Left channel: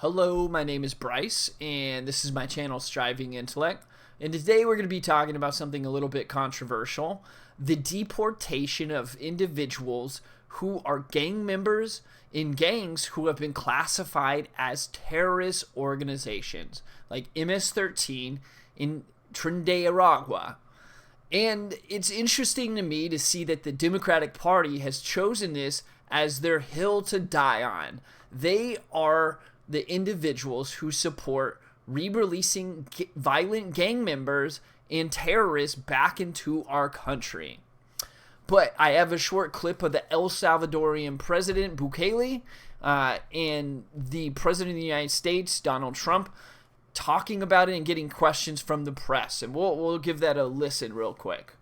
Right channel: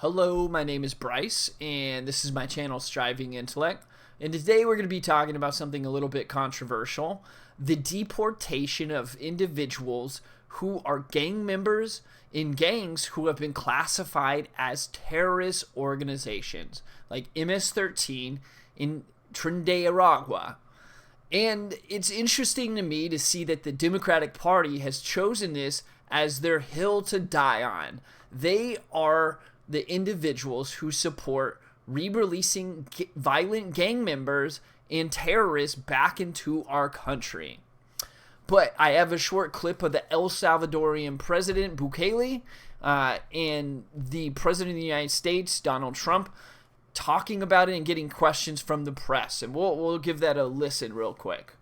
Hello, my name is Bryce, and this is my channel, Striving Intellect. And today we're going to be talking about something a little bit controversial: the deportation of individuals who are gang members in gangs who have been classified as terrorist organizations, like MS-13 in Trinidad. And it's interesting to me to see that the Democratic Party has chosen this as their hill to die on. They are the individuals who support re-releasing violent gang members and terrorists back into our country. But I have a short clip of the El Salvadorian president, Bukele, and the president of the United States, Donald Trump, talking about it and getting questions from the press. And we'll give that a listen real quick.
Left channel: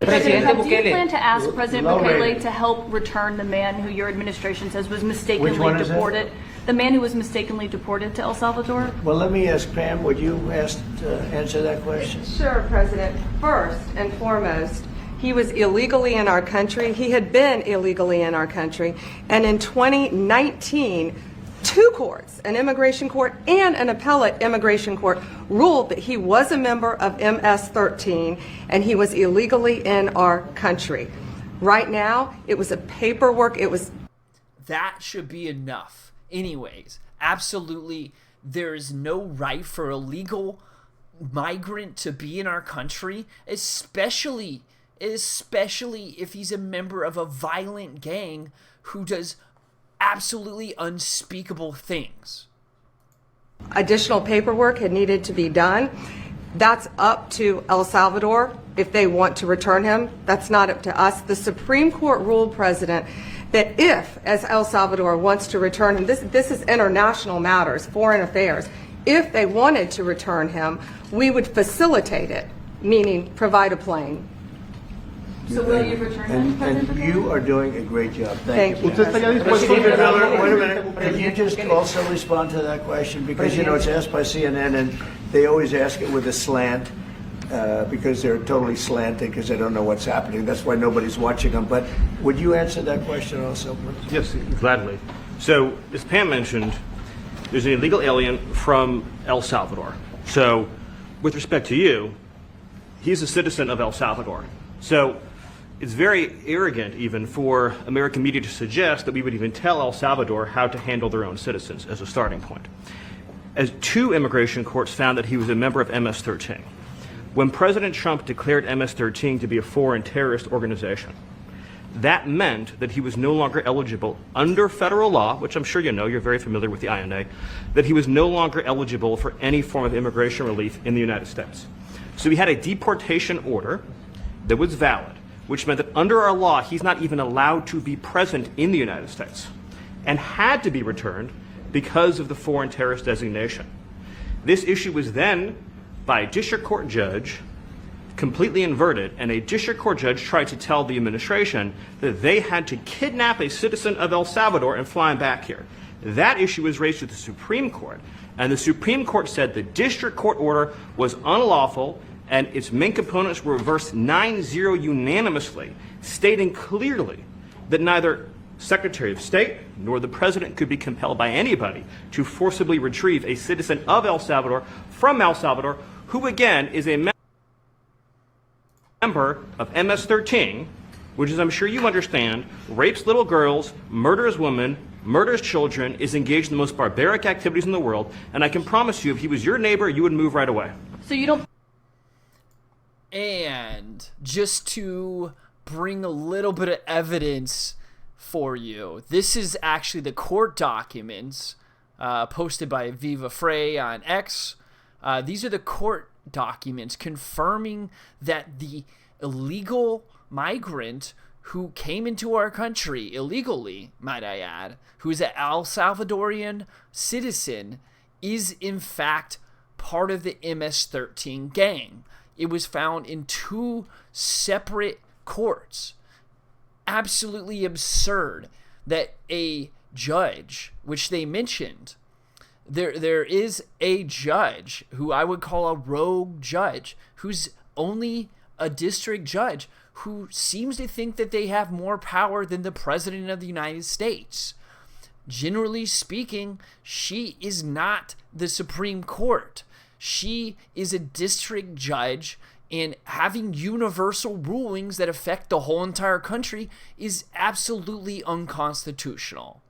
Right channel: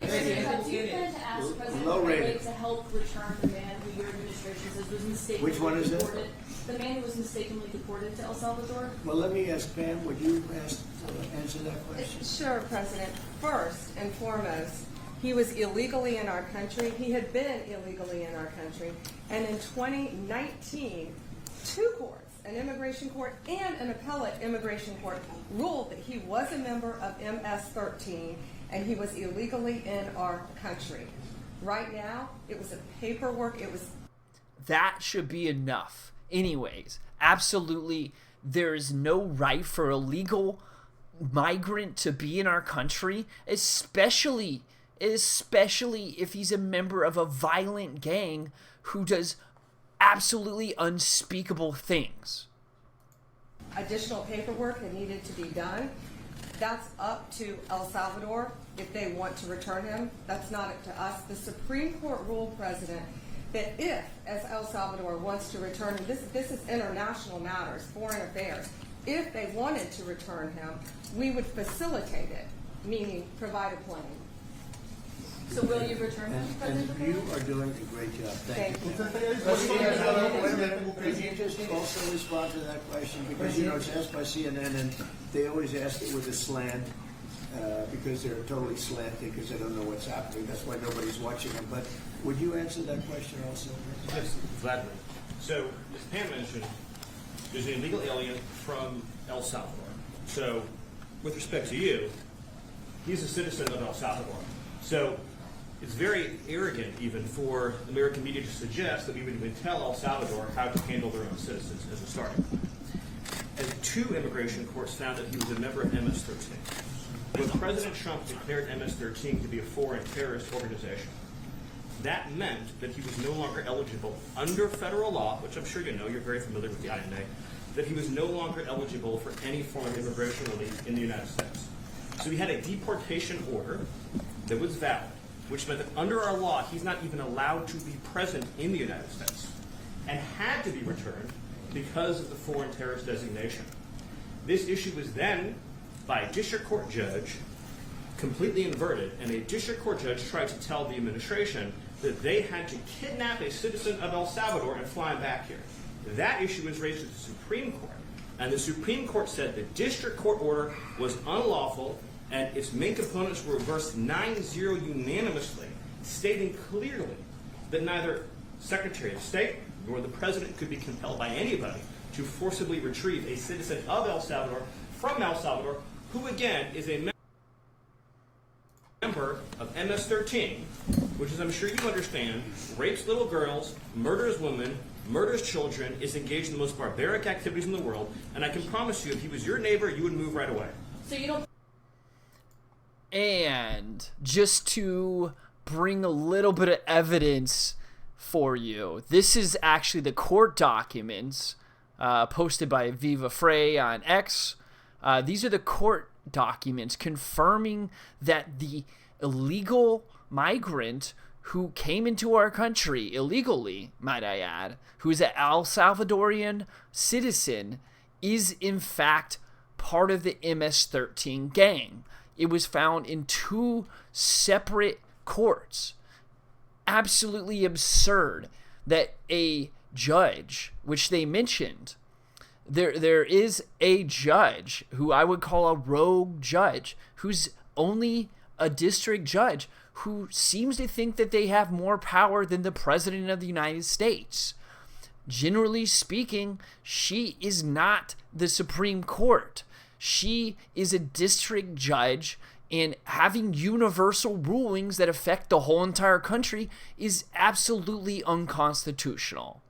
President, do you plan to ask President Bukele to help return the man who your administration says was mistakenly deported? The man who was mistakenly deported to El Salvador? Well, let me ask Pam, would you answer that question? Sure, President. First and foremost, he was illegally in our country. He had been illegally in our country. And in 2019, two courts, an immigration court and an appellate immigration court, ruled that he was a member of MS-13 and he was illegally in our country. Right now, it was a paperwork, That should be enough. Anyways, absolutely, there is no right for a legal migrant to be in our country, especially if he's a member of a violent gang who does absolutely unspeakable things. Additional paperwork had needed to be done. That's up to El Salvador if they want to return him. That's not up to us. The Supreme Court ruled, President, that if, as El Salvador wants to return him, this is international matters, foreign affairs, if they wanted to return him, we would facilitate it, meaning provide a plane. So will you return him? And you are doing a great job. Thank you. Thank you. Stephen Miller, wait a minute. Could you just also respond to that question? Because, it's asked by CNN, and they always ask it with a slant, because they're totally slanted because they don't know what's happening. That's why nobody's watching them. But would you answer that question also, please? Yes, gladly. So, as Pam mentioned, there's an illegal alien from El Salvador. So, with respect to you, he's a citizen of El Salvador. So, it's very arrogant even for American media to suggest that we would even tell El Salvador how to handle their own citizens as a starting point. As two immigration courts found that he was a member of MS-13. When President Trump declared MS-13 to be a foreign terrorist organization, that meant that he was no longer eligible under federal law, which I'm sure you know, you're very familiar with the INA, that he was no longer eligible for any form of immigration relief in the United States. So he had a deportation order that was valid, which meant that under our law, he's not even allowed to be present in the United States and had to be returned because of the foreign terrorist designation. This issue was then, by a district court judge, completely inverted, and a district court judge tried to tell the administration that they had to kidnap a citizen of El Salvador and fly him back here. That issue was raised to the Supreme Court, and the Supreme Court said the district court order was unlawful, and its main components were reversed 9-0 unanimously, stating clearly that neither Secretary of State nor the President could be compelled by anybody to forcibly retrieve a citizen of El Salvador from El Salvador, who again is a member of MS-13, which, as I'm sure you understand, rapes little girls, murders women, murders children, is engaged in the most barbaric activities in the world, and I can promise you, if he was your neighbor, you would move right away. So you don't... And just to bring a little bit of evidence for you, this is actually the court documents posted by Viva Frey on X. These are the court documents confirming that the illegal migrant who came into our country illegally, might I add, who is an El Salvadorian citizen, is in fact part of the MS-13 gang. It was found in two separate courts. Absolutely absurd that a judge, which they mentioned, there is a judge who I would call a rogue judge, who's only a district judge, who seems to think that they have more power than the President of the United States. generally speaking, she is not the Supreme Court. She is a district judge, and having universal rulings that affect the whole entire country is absolutely unconstitutional.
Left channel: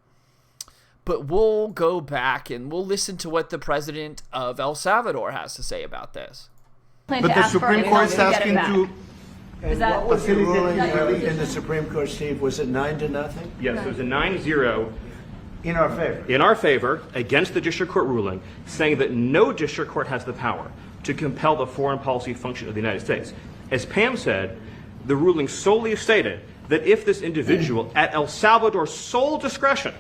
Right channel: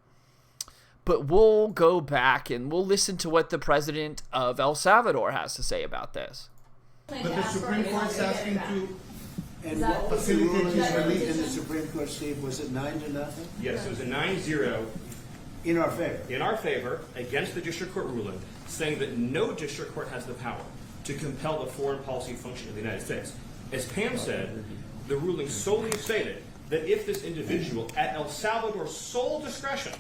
But we'll go back and we'll listen to what the president of El Salvador has to say about this. Plan But to the ask for Supreme it Court is and get it asking back. to, And that- what was the ruling Facilitate- in the Supreme Court, Steve? Was it 9-0 Yes, it was a 9-0 in our favor? in our favor against the district court ruling, saying that no district court has the power to compel the foreign policy function of the United States. As Pam said, the ruling solely stated that if this individual, at El Salvador's sole discretion,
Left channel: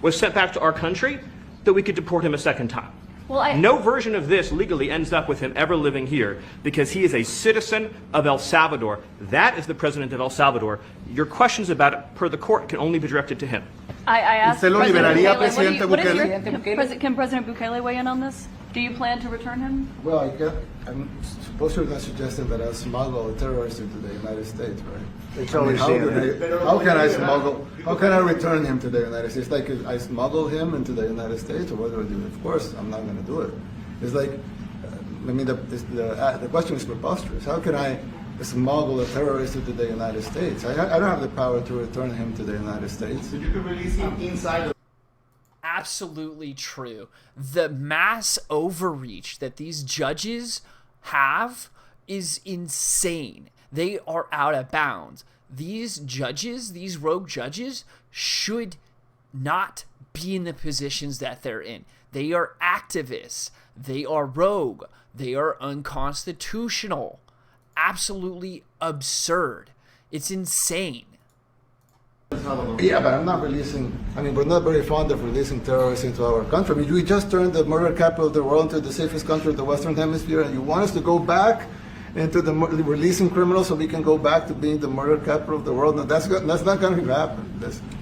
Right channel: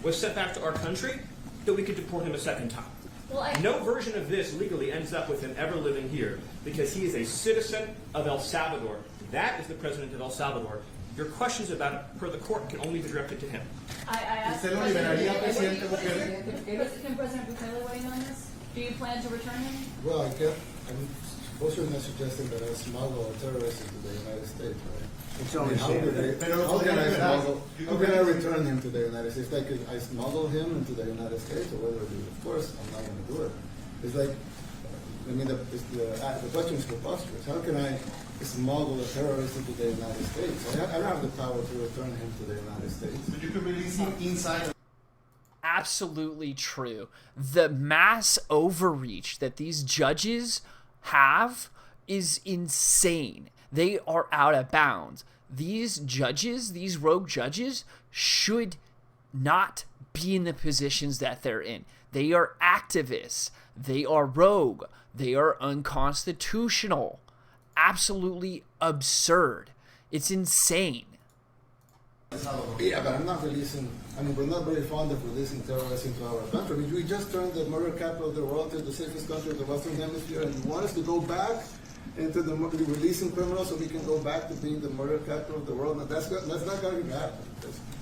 was sent back to our country, that we could deport him a second time. Well, No version of this legally ends up with him ever living here because he is a citizen of El Salvador. That is the president of El Salvador. Your questions about it, per the court, can only be directed to him. I asked ¿Usted lo President liberaría, Bukele, Presidente what is your- Bukele? can President Bukele weigh in on this? Do you plan to return him? Well, I'm supposed to have suggested that I smuggle a terrorist into the United States, right? It's I mean, always how, CNN. how can I smuggle? How can I return him to the United States? Like I smuggle him into the United States, or what do I do? Of course, I'm not going to do it. It's like, I mean, the question is preposterous. How can I smuggle a terrorist into the United States? I don't have the power to return him to the United States. so you can release him inside of Absolutely true. The mass overreach that these judges have is insane. They are out of bounds. These judges, these rogue judges, should not be in the positions that they're in. They are activists. They are rogue. They are unconstitutional. Absolutely absurd. It's insane. Yeah, but I'm not releasing. I mean, we're not very fond of releasing terrorists into our country. I mean, we just turned the murder capital of the world into the safest country in the Western Hemisphere, and you want us to go back into releasing criminals so we can go back to being the murder capital of the world? No, that's not going to happen.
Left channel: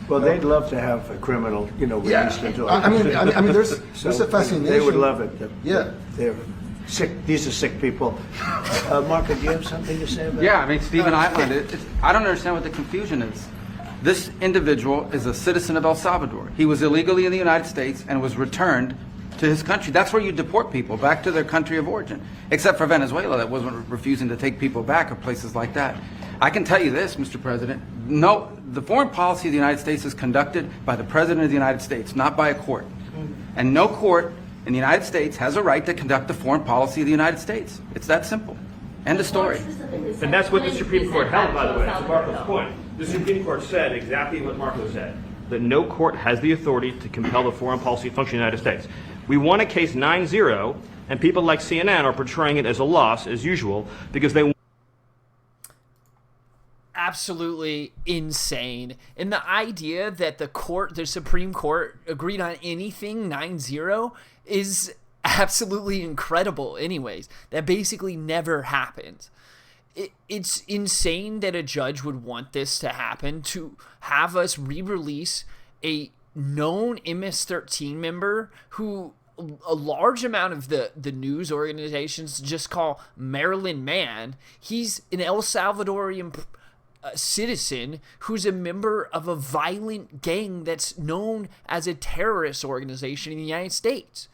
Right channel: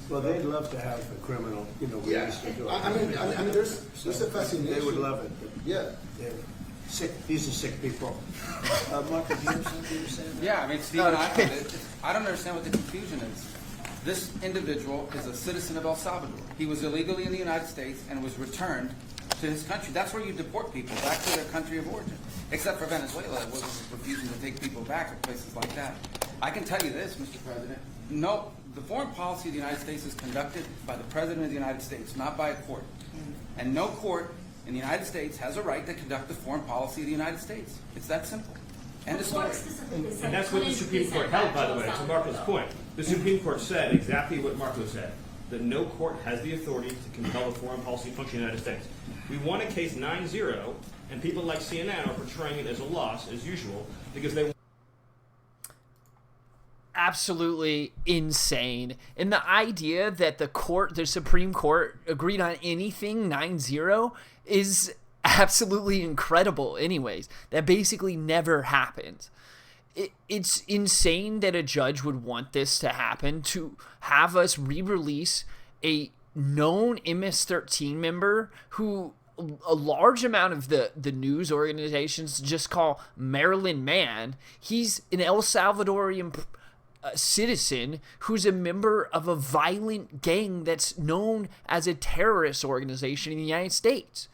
Well, they'd love to have a criminal, released into I our mean, there's So a fascination. They would love it. Yeah. They're sick. These are sick people. Marco, do you have something to say about that? Yeah, I mean, Stephen, I don't understand what the confusion is. This individual is a citizen of El Salvador. He was illegally in the United States and was returned to his country. That's where you deport people, back to their country of origin. Except for Venezuela, that wasn't refusing to take people back, or places like that. I can tell you this, Mr. President. No, the foreign policy of the United States is conducted by the President of the United States, not by a court. And no court in the United States has a right to conduct the foreign policy of the United States. It's that simple. End of story. And that's what the Supreme Court held, by the way, to Marco's point. The Supreme Court said exactly what Marco said, that no court has the authority to compel the foreign policy function of the United States. We won a case 9-0, and people like CNN are portraying it as a loss, as usual, because they... Absolutely insane. And the idea that the Supreme Court agreed on anything 9-0 is absolutely incredible anyways. That basically never happens. It's insane that a judge would want this to happen, to have us re-release a known MS-13 member who a large amount of the news organizations just call Maryland Man. He's an El Salvadorian citizen who's a member of a violent gang that's known as a terrorist organization in the United States.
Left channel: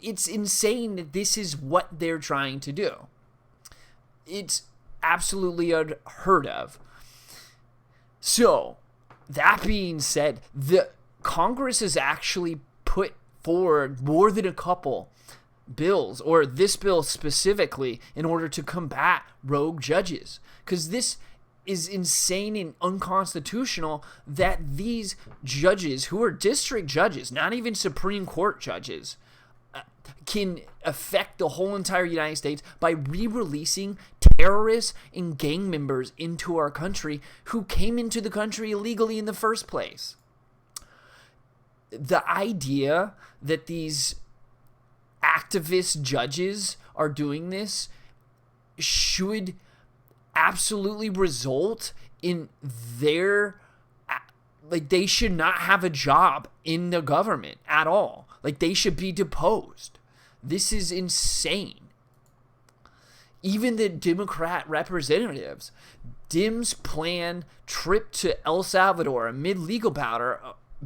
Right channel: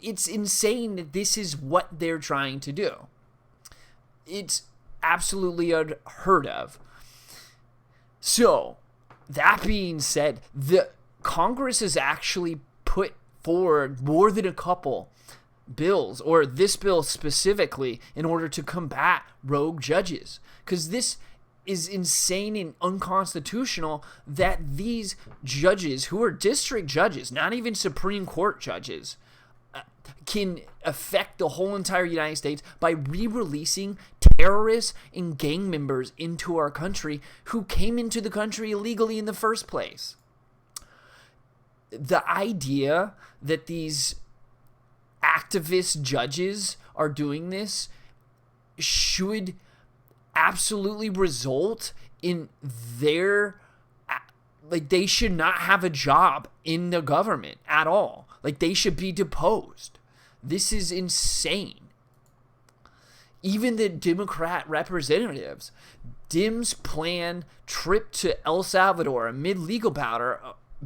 It's insane that this is what they're trying to do. It's absolutely unheard of. So, that being said, the Congress has actually put forward more than a couple bills, or this bill specifically, in order to combat rogue judges. Because this is insane and unconstitutional that these judges, who are district judges, not even Supreme Court judges, can affect the whole entire United States by re-releasing terrorists and gang members into our country who came into the country illegally in the first place. The idea that these activist judges are doing this should absolutely result in their, like, they should not have a job in the government at all. Like, they should be deposed. This is insane. Even the Democrat representatives, Dems' planned trip to El Salvador amid legal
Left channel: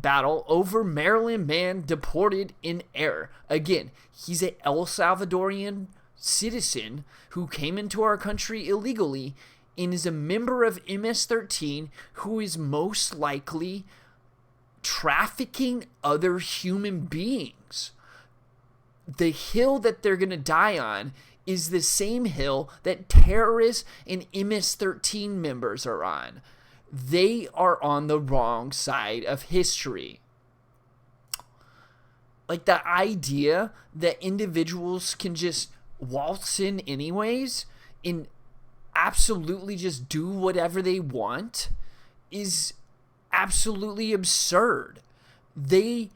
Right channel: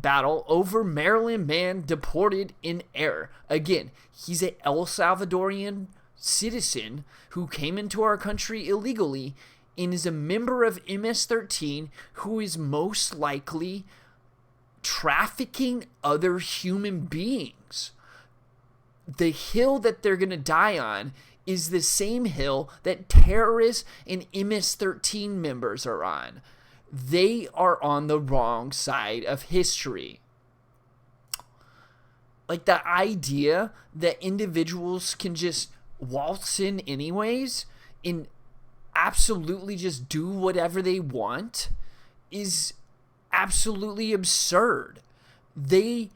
battle over Maryland man deported in error. Again, he's an El Salvadorian citizen who came into our country illegally and is a member of MS-13 who is most likely trafficking other human beings. The hill that they're going to die on is the same hill that terrorists and MS-13 members are on. They are on the wrong side of history. Like, the idea that individuals can just waltz in anyways and absolutely just do whatever they want is absolutely absurd. They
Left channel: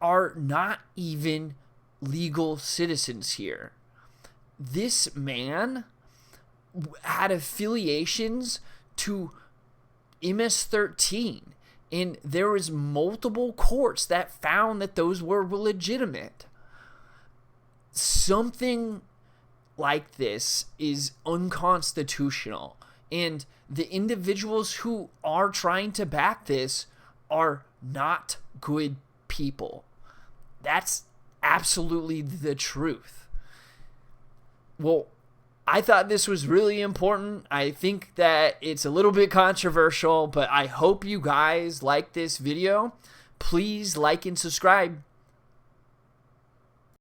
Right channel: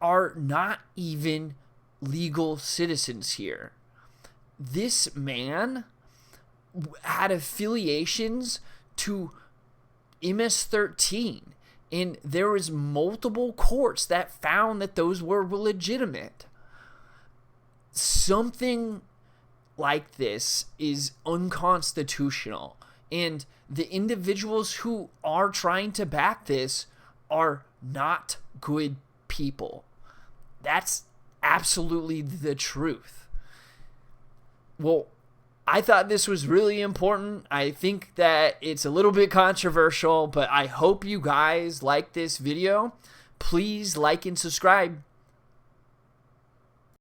are not even legal citizens here. This man had affiliations to MS-13, and there was multiple courts that found that those were legitimate. Something like this is unconstitutional, and the individuals who are trying to back this are not good people. That's absolutely the truth. Well, I thought this was really important. I think that it's a little bit controversial, but I hope you guys like this video. Please like and subscribe.